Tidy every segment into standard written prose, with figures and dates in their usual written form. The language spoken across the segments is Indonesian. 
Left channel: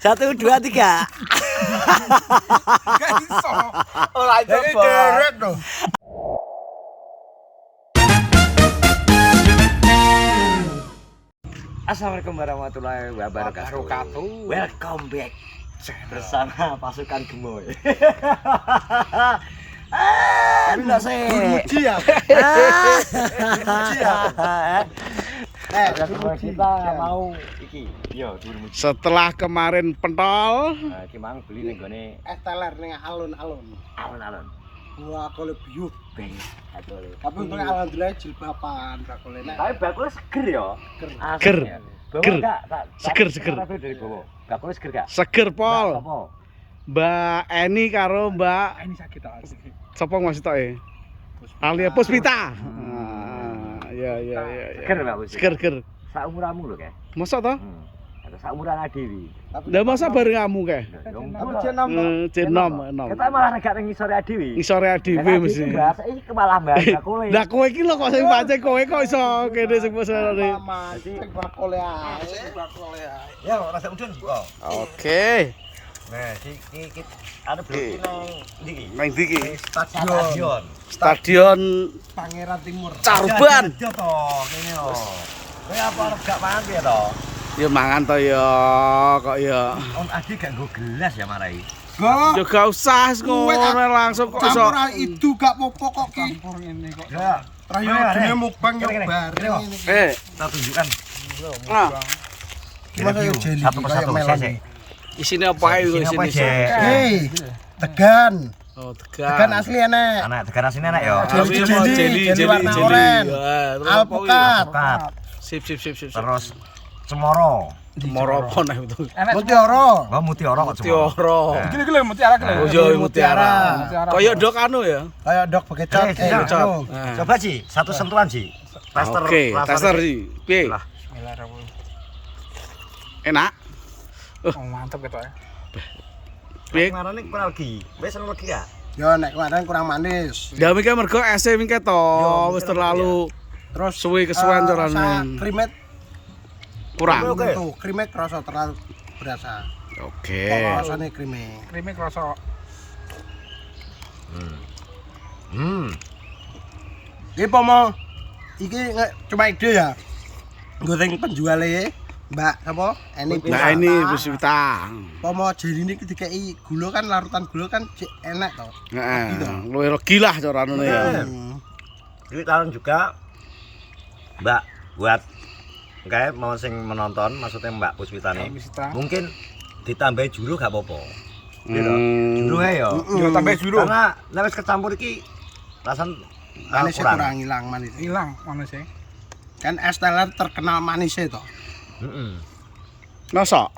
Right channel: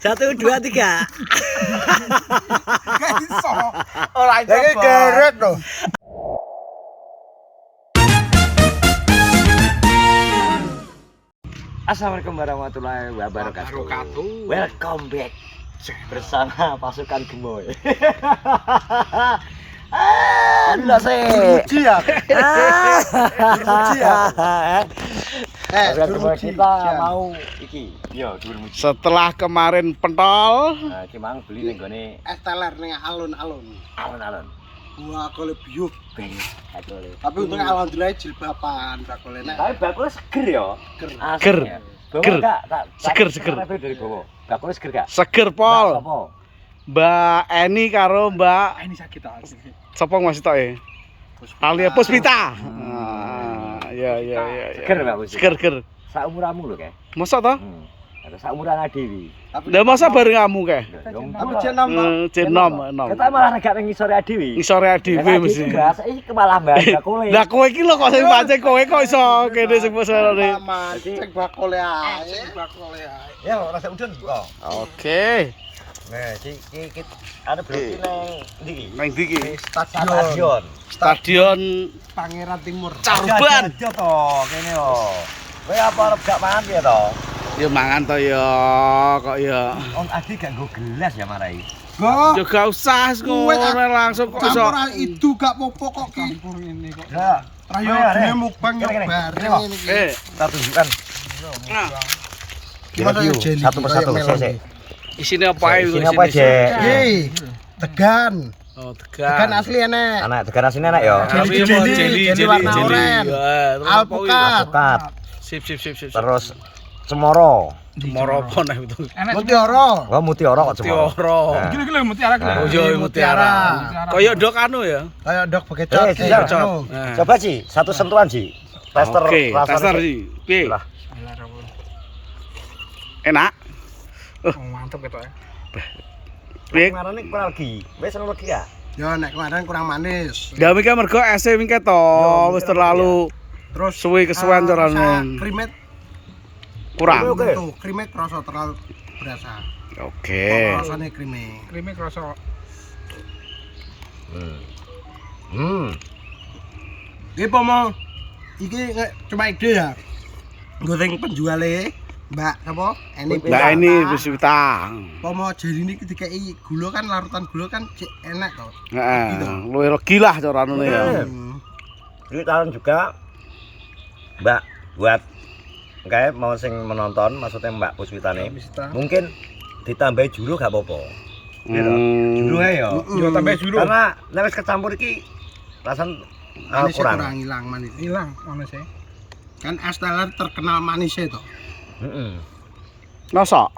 1, 2, 3. Gak iso. Ora Lagi geret loh. Assalamualaikum warahmatullahi wabarakatuh. Welcome back bersama pasukan Gemoy. Enggak sih. Ya. Kita mau iki. Yo, durmuji. Setelah kemarin pentol, Nah, iki mang beli ning gone Esteler ning alun-alun. alun-alun. Gua aku biuk. Aduh. Tapi untung alhamdulillah jilbaban bakule nek. Tapi bakul seger ya. Ger. Ger. Seger. Seger. Dari bawah. Bakul seger gak? seger pol. Apa? Mbak Eni karo Mbak Ini sakit tak. sapa masih tok e? Alia Puspita. Ya. Seger Mbak Puspita. Seger. Saumuranmu lho, Kak. Masa toh? Ada saumuran Adewi. Lah masa bareng kamu kae? Tapi jenam. Jenom. Kita malah negak ning ngisore Adewi. Ngisore dhewe mesti. Iki kemalah Mbak bakule. Lah kowe iki lho kok sing pancen kowe kok iso kene sing pesane. Cek bakule ae. Cek bakule ae. Ya, rasa udun kok. Oke. Nah, iki ada blok ndi iki? Nang ndi iki? Stadion. Stadion Pangeran Timur. Caruban. Yo to, kene yo. Kowe apa arep gak mangan ya to? Ya mangan to ya, kok ya. On Adi gak nggo gelas ya marai. Kok Ya gak usah ngono langsung kok iso. campuran itu gak popo kok ki. Campur ngene kok. Ya, Trayo dene mukbang yo bareng ini. kita tunjukkan. Nah, Gimana yo jeli Satu persatu kayak melon. sik. isine apa ae Isine isine. apa aja? Tegan. Oh, Tegan tegan. asli enek. Anak tekan asine enak ya. Jeli warna oranye. Alpukat. Tekat. Sip. Terus cemoro. Moro apa nek itu? Mutiara. Oh, mutiara kok cemoro. Mutiara. Gila mutiara Oh iya mutiara. Kaya ndok anu ya. Kayak dok bekecot. Bekecot. anu. Nah. Coba Ji, satu sentuhan Ji. Tester. Oke, rasanya. tester sih. Piye? Lah. Enak. Mantap ketok. Piye? Ngarane kurang lagi. Wis seru lagi ya. Ya nek kemarin kurang manis. Ya mingke mergo ese mingke to wis terlalu Terus suwe kesuwen carane. Krimet Kurang. Oke. tuh, krimet rasa terlalu berasa. Oke. Rasane krimet. Krimis rasa Iki pomo iki cuma ide ya. Goreng penjuale Mbak apa? Nah ini Puspita. Pomo jerine iki dikeki gula kan larutan gula kan cek enak to. Heeh, luwih regi lah carane ya. Ini tahun juga Mbak buat kayak mau sing menonton maksudnya Mbak Puspita nih. Mungkin ditambahi juru gak apa-apa. Juru ya. yo tambah juru. Karena nek wis kecampur iki rasan Manis kurang. kurang hilang manis. Hilang manis ya. Kan Esteller terkenal manisnya to. Heeh. Masa?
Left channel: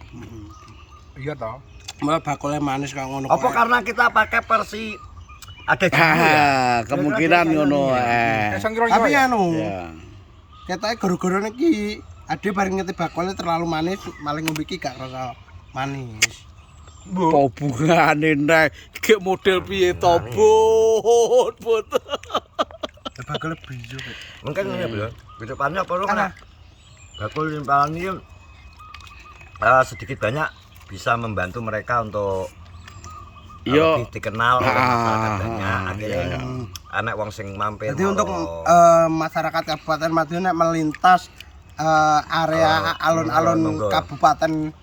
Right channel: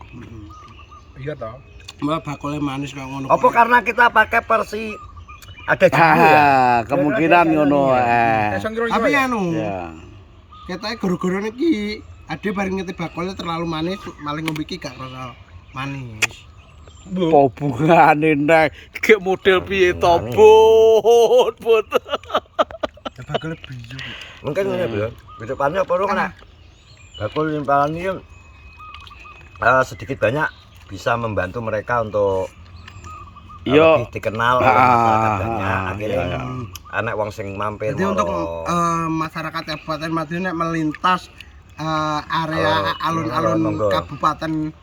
Iya toh. Mbak bakule manis kok ngono. Apa karena kita pakai versi ada juru ya? Kemungkinan ngono Tapi anu, Ya. ketoke goro-goro iki ade bareng ngeti bakule terlalu manis, maling ngombe iki gak rasa manis. Apa hubungane nek iki model piye to, Bot? Ya bakule bijo kok. Mungkin ini bro, kedepannya perlu kena bakul limpahan ini sedikit banyak bisa membantu mereka untuk Iya. lebih dikenal Iya. anak wong sing mampir. Jadi untuk masyarakat Kabupaten Madiun nek melintas area alun-alun monggo. Kabupaten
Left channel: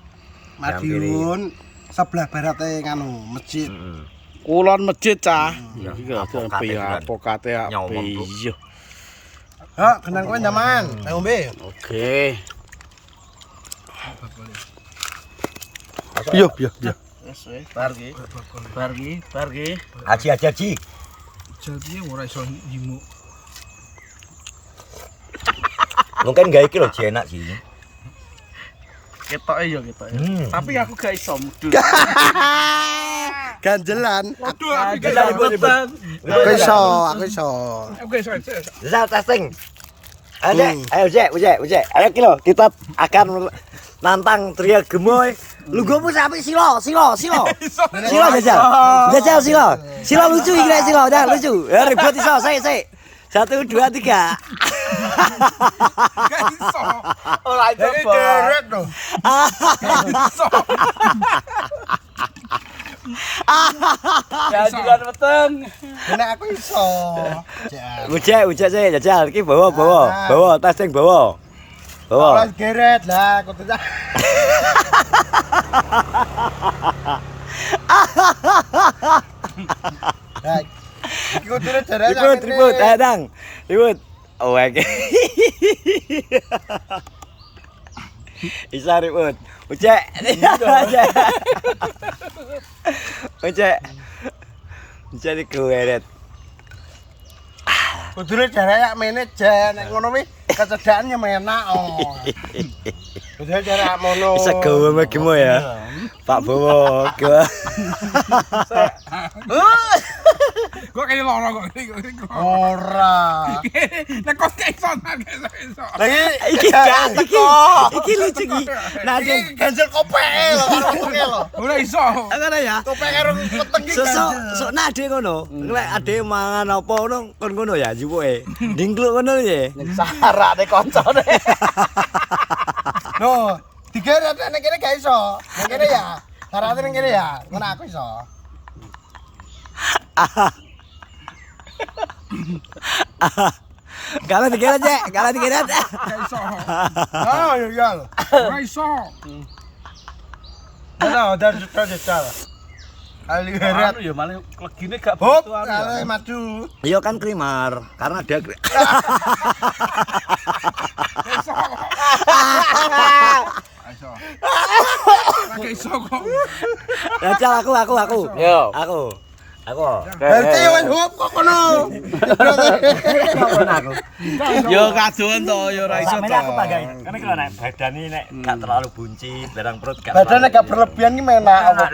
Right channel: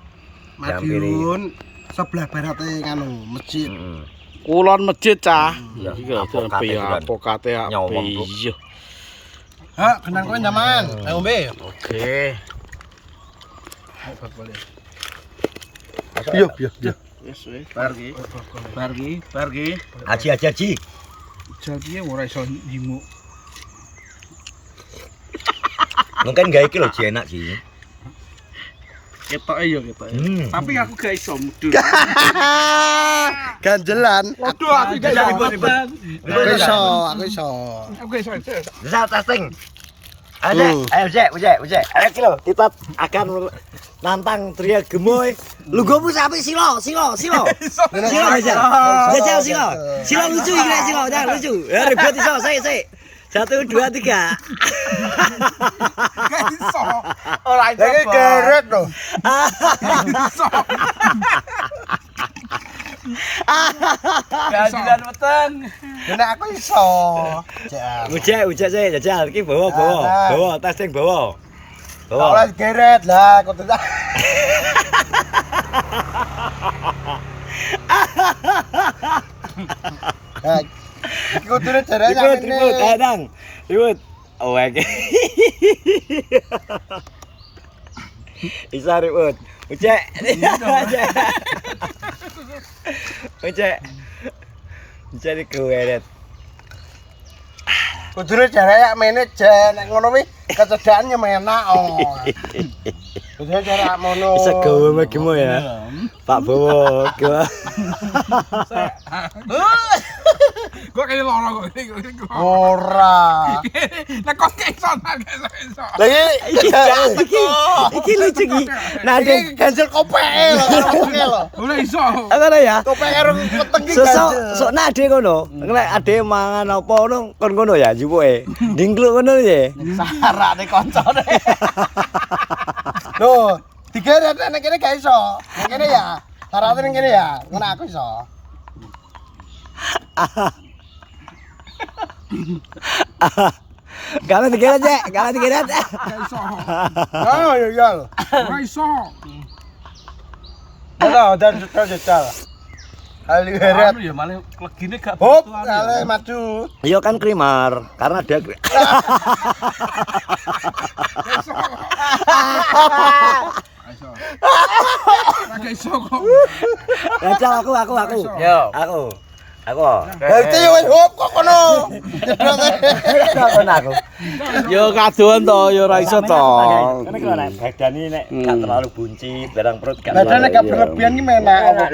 Madiun sebelah baratnya nganu masjid. Kulon masjid cah. Iya, Iki apokate piye kan. apokate Nyomong, Bro. iya. Ha, kenan kowe nyaman, ayo ngombe. Oke. Yo. Wis wis bargi. Haji. Jadi ora iso nyimuk. Mungkin gak iki lho Ji, enak sih. Ketoke ya ketoke. Tapi aku gak iso mudun. Ganjelan. Waduh, aku gak iso mudun. Aku iso. Aku gak iso. Bisa testing. Ayo Cek. Ayo kilo, kita akan nantang tria Gemoy. Lu gomu sapi silo. Silo Jajal. Silo lucu iki Silo, udah lucu. Ya ribut iso, saya. 1, 2, 3. Gak iso. Ora iso. Lagi geret loh. Iso. Gajian weteng. Bener aku iso. Jal. Ujek sih jajal iki bawa tas sing bawa. Ora geret lah aku tuh. Nah, iki kudune jarane Ribut, Dang. Ribut. Oh, oke. Isa ribut. Ujek. Ujek digeret. Kudune jarane mene jan nek ngono kuwi kecedhakan yo menak oh. Kudune jarane mono. Bisa gawe megimo ya. Pak Bowo. Kok kayak loro kok ini. Ora. Nek kok kayak iso gak iso. Iki lucu iki. Nah, Iki ganjel kopeke lho karo wetenge lho. Ora iso. ngono ya. Kopeke karo weteng iki. Sok nade ngono. Nek ade mangan apa ngono kon ngono ya jupuke. Dingkluk ngono ya. Sarane koncone. Loh, digeret nek kene gak iso. Nek kene ya. Sarane ning kene ya. Ngono aku iso. Kalau digeret ya, kalau digeret. Gak iso. Oh, ya ya. Ora iso. Ada sudah jajal. Ali geret. Ya malah legine gak Hop, ale maju. Iya kan krimar, karena dia Gak iso. Iso. Gak iso kok. Jajal aku. Yo. Aku. Berarti yo wis hop kok kono. Aku. Yo kadoan to, yo ora iso to. Kene kok nek badan ini nek gak terlalu buncit, barang perut gak Badane terlalu. gak berlebihan iki menak.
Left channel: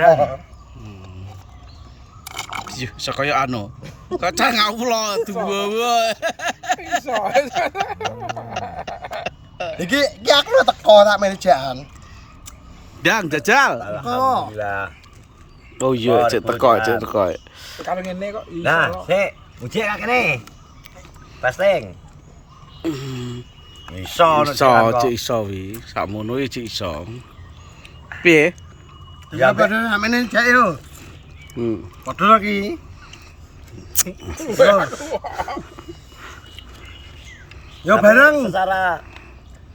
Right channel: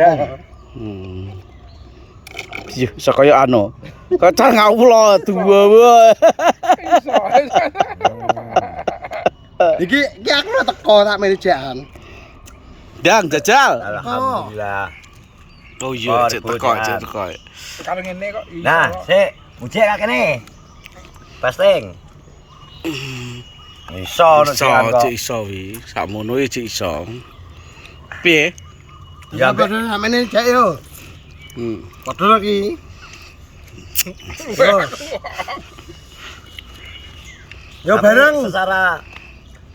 Yo iso kaya anu. Kocak ngawula dua wae. Iso. Iki aku lho teko tak manajekan. Dang jajal. Alhamdulillah. Oh iya, cek teko. Kalau ngene kok iso. Nah, sik, ujek kak kene. Pasting. Iso Cek iso wi. Sakmono iki cek iso. Piye? Ya padahal samene jak yo. Padahal iki. Yo bareng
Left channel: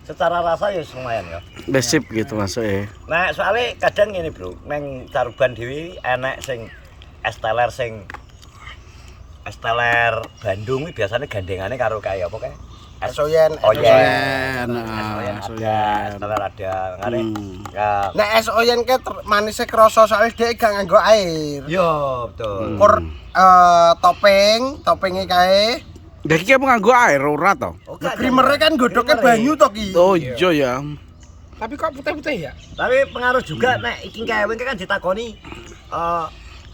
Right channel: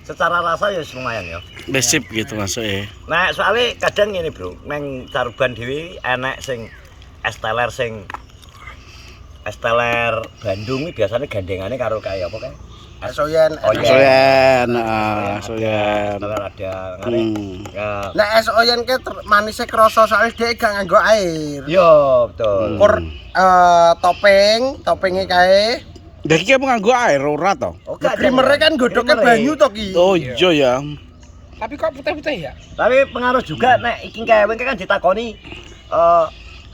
secara rasa ya lumayan ya. Besip gitu masuknya. Nah, soalnya kadang ngene, Bro. Nang Caruban dhewe enek sing es teler Bandung iki biasanya gandengane karo kaya apa kae? Asoyen. Soyen, Soyen. Teler ada. Ya. Nek es oyen ke manise krasa soalnya dhek gak nganggo air. Yo, betul. Kur topenge kae. Lah iki apa nganggo air ora to? Krimernya kan godhoknya banyu to ki. Oh iya ya. Tapi kok putih-putih ya? Tapi pengaruh juga nek iki kae kan ditakoni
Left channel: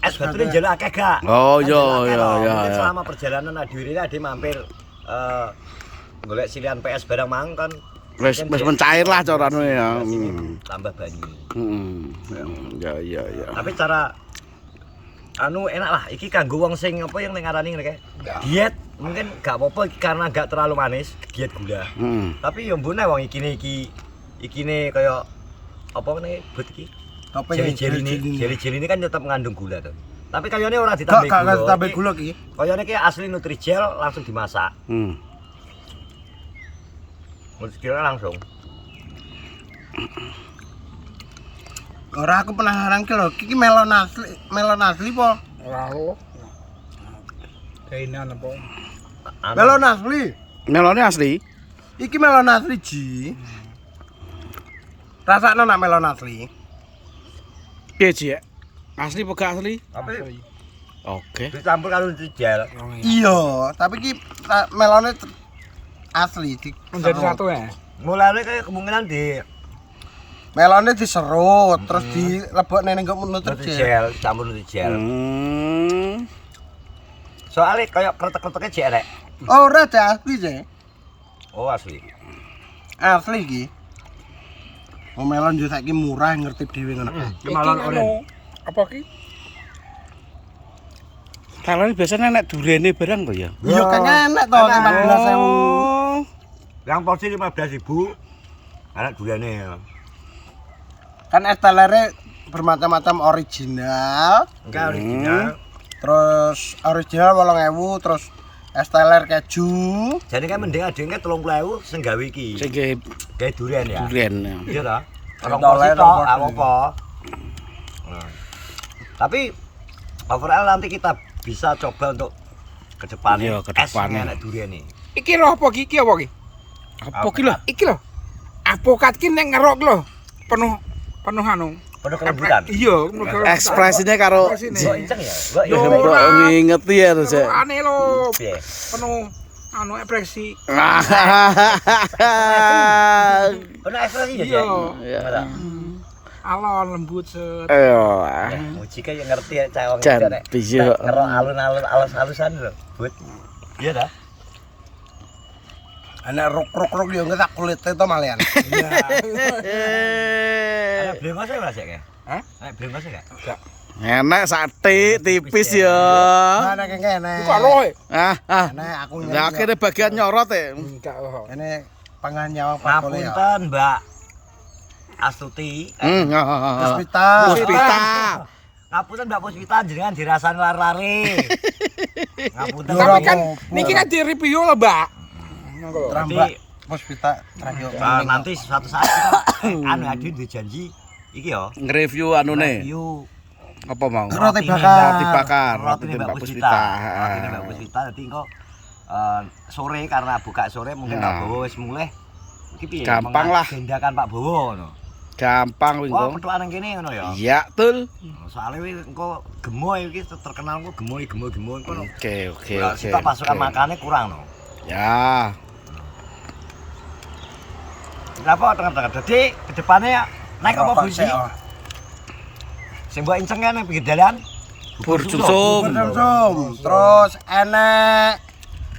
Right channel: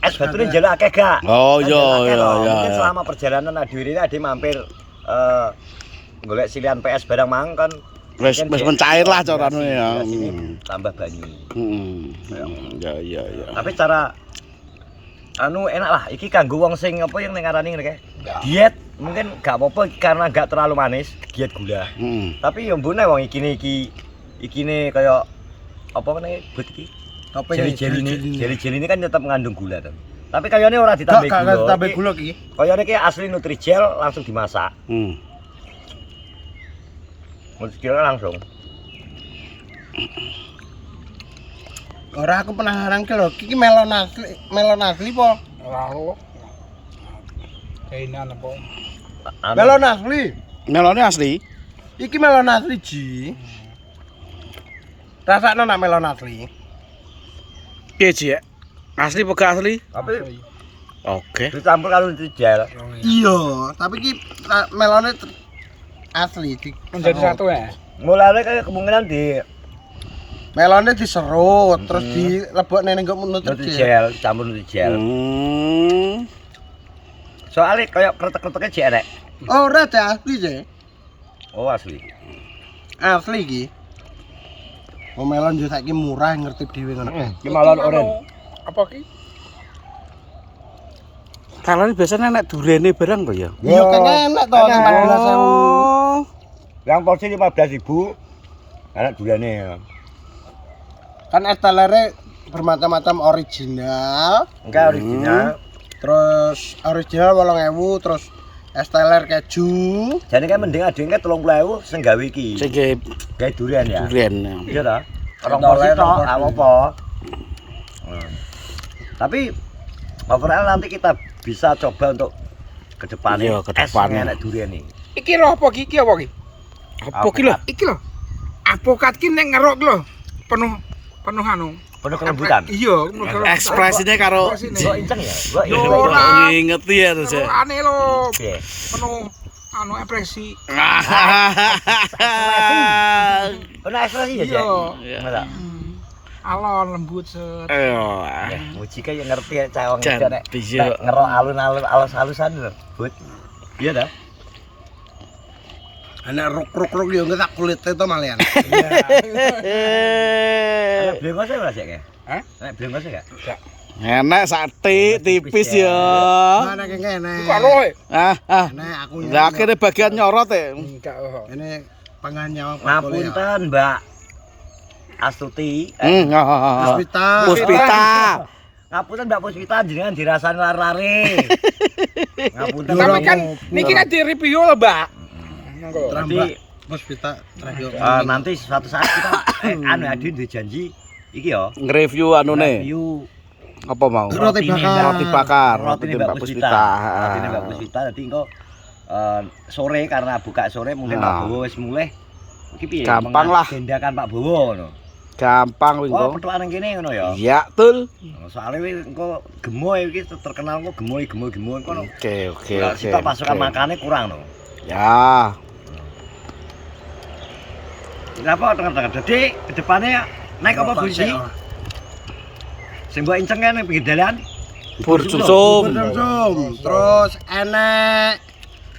es batune njaluk akeh gak? Oh Kan iya njaluk akeh iya toh. iya. Mungkin selama perjalanan Adwiri ini ade mampir golek silihan PS barang mang kan Wis mencair lah carane ya. Tambah banyu. Ya. Tapi cara enak lah iki kanggo wong sing apa yang ning ngarani ngene kae. Diet mungkin gak apa-apa karena gak terlalu manis, diet gula. Tapi yo mbune wong ikine kaya apa meneh but iki. Jeli-jeli ini kan tetap mengandung gula tuh. Tapi kayaknya ora ditambah gula. Gak tambah gula ki. Kayaknya ki asli Nutrijel langsung dimasak. Nutrijel langsung. Ora aku penasaran ki lho, iki melon asli po? Ora lho. Kainan apa? Melon asli. Melone asli. Iki melon asli ji. Rasane nak melon asli. Piye Ji? Asli apa gak asli? Tapi Oke. dicampur karo Nutrijel. Iya, tapi ki melone asli. Menjadi satu ya? Mulane kayak kemungkinan di Melone diserut terus dilebokne ning Nutrijel. Nutrijel, campur Nutrijel. Soalnya kayak kretek-kreteknya jek rek. Oh, ora asli je. Oh, asli. Asli ki. Oh, melon yo saiki murah ngerti dhewe ngono. Iki melon oren. Apa ki? Kalane biasanya nek durene barang to ya. Iya kan enak to. Oh. Yang porsi 15.000. Enak duriane. Kan es telere bermacam-macam original. Enggak original. Terus original 8.000, terus es teler keju. Jadi kan mending adenge 30.000 sing gawe iki. Sing Gawe durian ya. durian. Iya toh? Orang Contoh porsi lain, tok, orang porsi. apa. Tapi overall nanti kita bisa coba untuk ke depannya. Iya, ke depannya. Enak durian ini. Iki lho apa iki apa iki? Apa ki lho? Iki lho. Apokat ki nek ngerok lho. Penuh anu. Penuh kelembutan. Iya, Ekspresinya karo Gua inceng ya. Gua Yo, inceng. ora. ngingeti ya tuh saya. Aneh lho. Piye? Penuh anu ekspresi. Penuh ekspresi ya, Iya. Ya. Alon lembut set. Ayo. Muji kayak ngerti ya cewek Jan, bisa. ngerok alun-alun alus-alusan lho. But. Iya dah. Enak ruk-ruk yo tak kulite to malian. Ada blengos ya Mas ya? Hah? Ada blengos ya? Enak sate tipis ya. Mana kene. Buka lho. Ah. Enak aku. Lah akhirnya bagian nyorot ya. Enggak lho. Ini pangan nyawa Ngapunten Mbak Astuti. Puspita. Puspita. Ngapunten Mbak Puspita jenengan dirasani lari-lari. Ngapunten. Tapi kan niki kan di review lah, Mbak. Nanti Puspita terakhir. nanti suatu saat kita anu Adin janji iki ya. Nge-review anune. Review Apa mau? Roti bakar. Roti bakar. roti Roti Mbak Mbak Puspita. Puspita. Roti Mbak Puspita dadi engko sore karena buka sore mungkin Pak Bowo wis mulai. Iki piye? Gampang lah. Mengagendakan Pak Bowo ngono. Gampang wing Wah, kok. petukan nang kene ngono ya. Iya, tul. Soalnya wis engko gemoy iki terkenal kok gemoy ngono. Oke. Kita pasukan makannya kurang no. Ya. Kenapa tengah-tengah? Jadi kedepannya ya naik apa Bu sih? Sing mbok inceng kan nang pinggir dalan. Bubur sumsum. Sumsum. Terus enek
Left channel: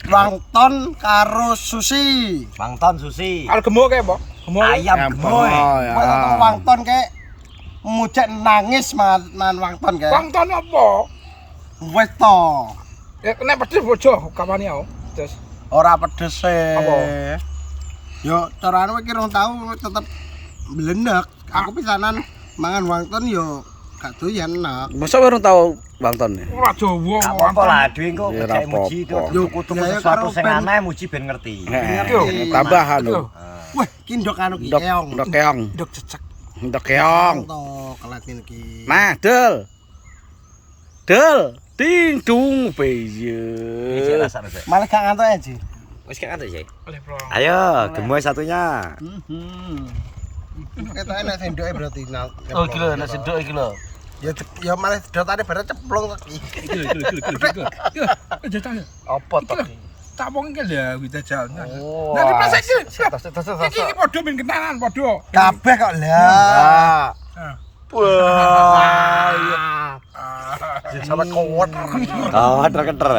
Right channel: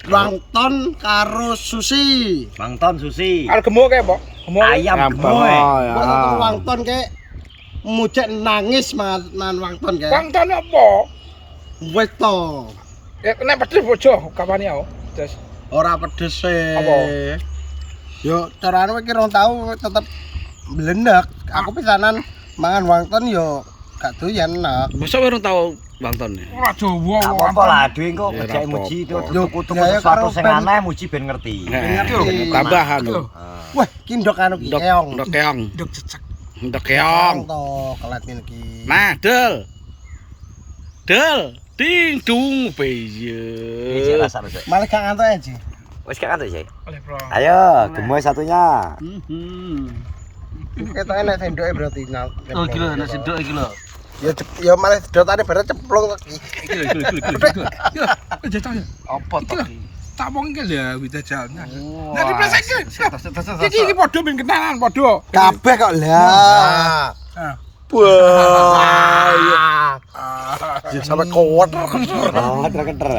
lontong karo sushi. Mangton sushi. Al gemo kae, Mbok. Gemo. Ayam Gampang. gemoy. Oh, ya. Buat wangton kayak mujak nangis man wangton kayak. Wangtone apa? Wis to. Ya nek pedes bojo kapan ya? Terus Ora pedes e. Apa? Yo carane iki rong tau tetep blendek. Aku pisanan mangan wangton yo gak doyan enak. Masa baru tahu Bang Ton ya? ora Jawa Apa wangton. lah dhewe engko Ya, cek muji apa-apa. kok Yo, kutu ya, sesuatu karo sing pen- aneh muji ben ngerti. Tambahan lho. Wah, ki ndok anu ki Ndok keong. ndok keong. Nduk cecek. Ndok keong. To kelet ngene iki. Nah, Del. Del, ding dung Iki piye. kasar sih. Malah gak ngantuk aja. Wis gak ada sih. Oleh bro. Ayo, gemoy satunya. Ketok enak sendoke berarti. Oh, gila nek sendok iki lho. Ya malah sedotane bare ceplung iki. Iki lho. Jajal. Apa to? Tak wong iki lho wita jalan. Wah. Nah, dipleset iki. Iki padha ben kenalan padha. Kabeh kok lah. Wah. Ya sampe kuat. Oh, ter-ter.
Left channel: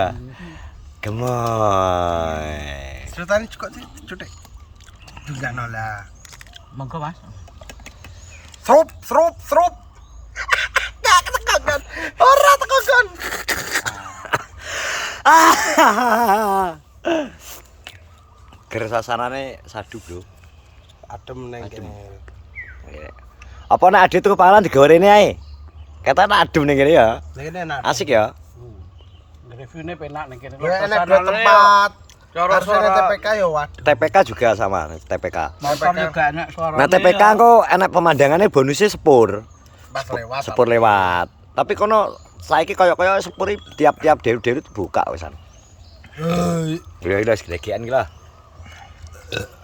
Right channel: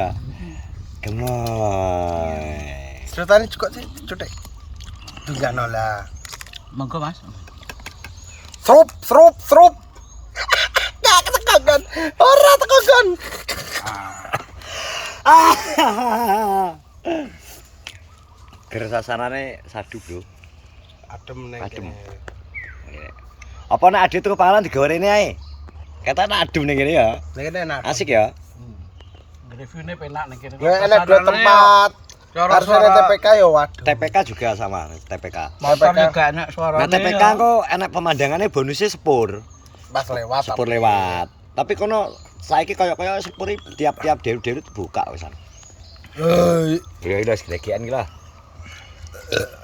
Gemoy. Sedotane juga sih cutek. Dunjano lah. Monggo, Mas. Srup. Gak ketekan. Ora tekan. Keresasanane sadu, Bro. Adem ning. Adem. Apa nek ade tuku panganan digorene ae? Kata nek adem ning kene ya. Ning kene enak. Asik ya. Reviewnya penak nih kira. Ya enak dua tempat. Suara TPK ya waduh. TPK juga sama, TPK. Motor juga enak suaranya. Nah, TPK kok enak pemandangannya bonusnya sepur. Pas lewat. Sepur lewat. Tapi kono saiki kaya-kaya sepur tiap-tiap deru-deru buka wisan. Ya wis gedegean iki lah.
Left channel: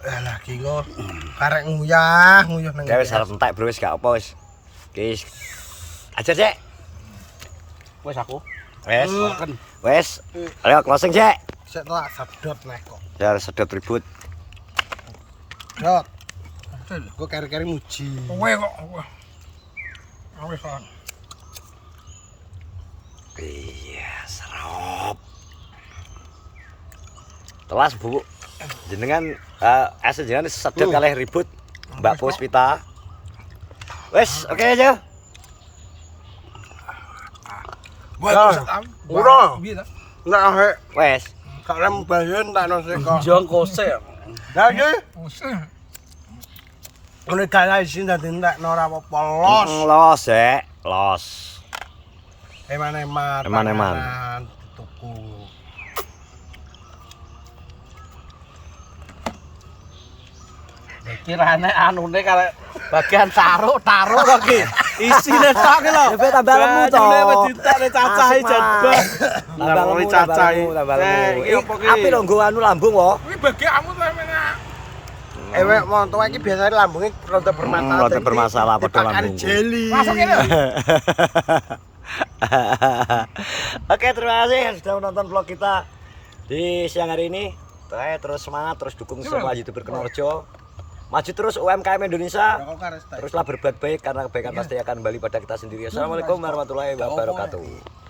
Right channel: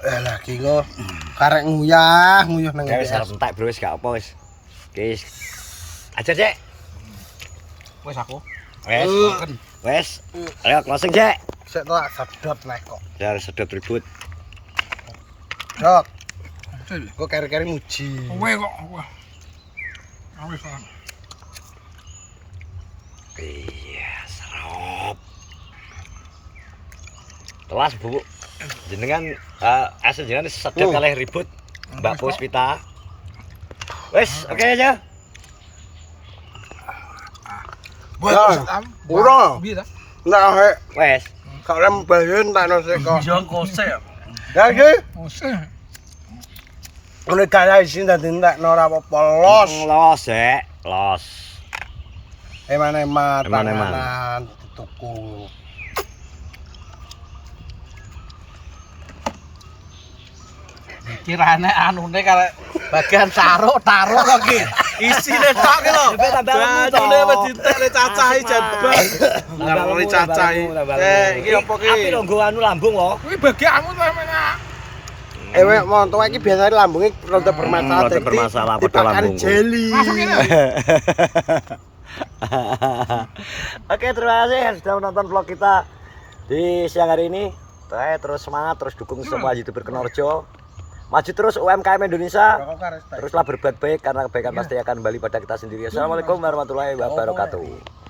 Alah gila. Karek nguyah nang. Ya wis arep entek, Bro, wis gak apa wis. Wis. Ajar, Cek. Wis aku. Wes. Wes. Ayo closing, Cek. Sik tak sedot nek kok. Ya sedot ribut. Dok. Kok kari-kari muji. Kowe kok. Wis lah. Iya, serop. Telas, Bu. Jenengan jenengan sedot kalih ribut Mbak Puspita. Wes, oke aja. Buat Ora. Piye ta? Nek Wes. kok lem bayon tak nosek kok. Jong kose. Ya iki Usul. ngene gaya isin dadi entekno ora apa-apa los. Los, los. Eman-eman. Eman-eman. panganan, tuku. Iki rane anune karek bagian taruh to ki. Isine tok ki lho. Tapi tambah lemu to. Bajune wis ditekne cacahe jebak. Tambah lemu, cacahe. tambah lemu. Iki apa ki? Api lho nggo anu lambung kok. Kuwi bagianmu to enak. Ewek montok iki biasane lambunge rada bermasalah. Rada bermasalah padha lambungku. Jeli. Masuk ini. Oke, terima kasih yang sudah menonton vlog kita di siang hari ini. Terus semangat, terus dukung semua YouTuber Kenorjo. Maju terus UMKM Indonesia. Teruslah berbuat baik karena kebaikan pasti akan kembali pada kita sendiri. Assalamualaikum warahmatullahi wabarakatuh.